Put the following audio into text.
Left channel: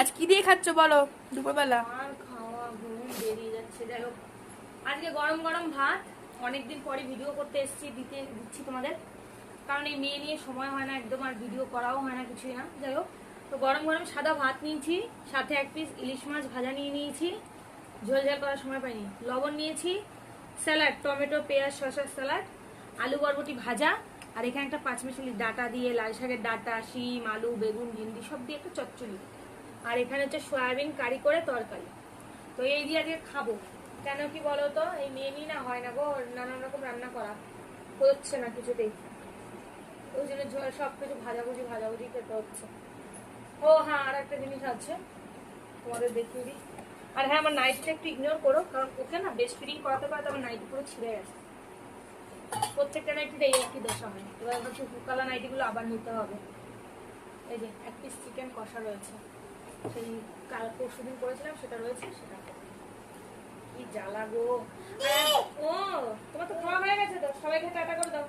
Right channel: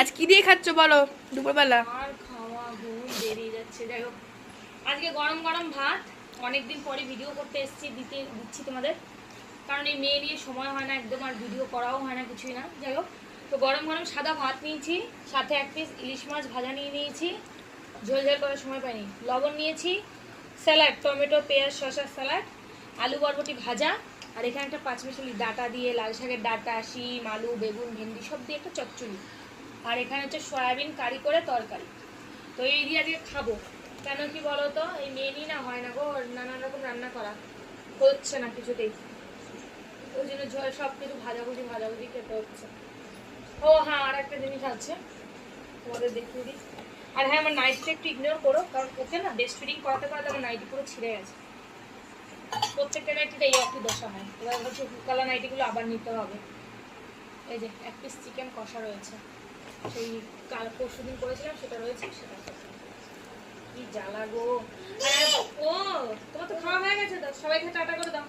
আজ কি দিয়ে খাচ্ছ বলো দুপুরবেলা? আর খাওয়া ঘুম বেরিয়ে যাচ্ছে। যাই হোক, আজকে গরম গরম ভাত। অনেকদিন পরে ভিডিও করতে এসেছি, দিচ্ছি তোমাদের, কারণ এই মেয়ে নিয়ে সময় হয় না একদম, আর ভিডিও করাও হয় না, কিছুই না। যাই হোক, তো গরম গরম সাদা ভাত নিয়েছি, সাথে এক পিস ইলিশ মাছ ভাজা নিয়ে নিয়েছি, ঝোল ঝাল করার সময় পাইনি, লবণ নিয়েছি, স্যালাড, টমেটো পেঁয়াজ শসার স্যালাড, আলু বরবটি ভাজা, আর এখানে একটা পাঁচমিশালি ডাটা দিয়ে, লাল শাকের ডাটা, শিম, আলু, বেগুন, ভেন্ডি সব দিয়ে একটা চচ্চড়ি, আর এখানে হচ্ছে সয়াবিন কারি করে তরকারি। তো এই দিয়ে আজকে খাবো। কেন কি বলো তো, এই মেয়ে নিয়ে না হয় না গো, নানান রকম রান্না করা হচ্ছে না কিছুতেই, ওই জন্য সব কিছু ভাজাভুজি খেতে হচ্ছে। ও হ্যাঁ, আর একটা জিনিস আছে তোমাদের দেখিয়ে দিই। আর হ্যাঁ, আমার নাইটিটা একটু ইগনোর করো, কারণ ওকে না ব্রেস্ট ফিডিং করাতে করাতে আমার নাইটি পুরো ছিঁড়ে গেছে। প্রত্যেকটা নাইটিতে এই একই দশা হয়। এবার হচ্ছে হুকালা নাইটিগুলো আবার নিতে হবে। এই যে এক পিস চিকেন কষা রয়েছে, সেই কাল পরশুদিন করেছিলাম, সেটা রয়েছে, সেটা কি জ্বালা গো। ও, তোমার তো খাওয়া হয়ে গেছে, তো সবাইকে টাটা করে দাও।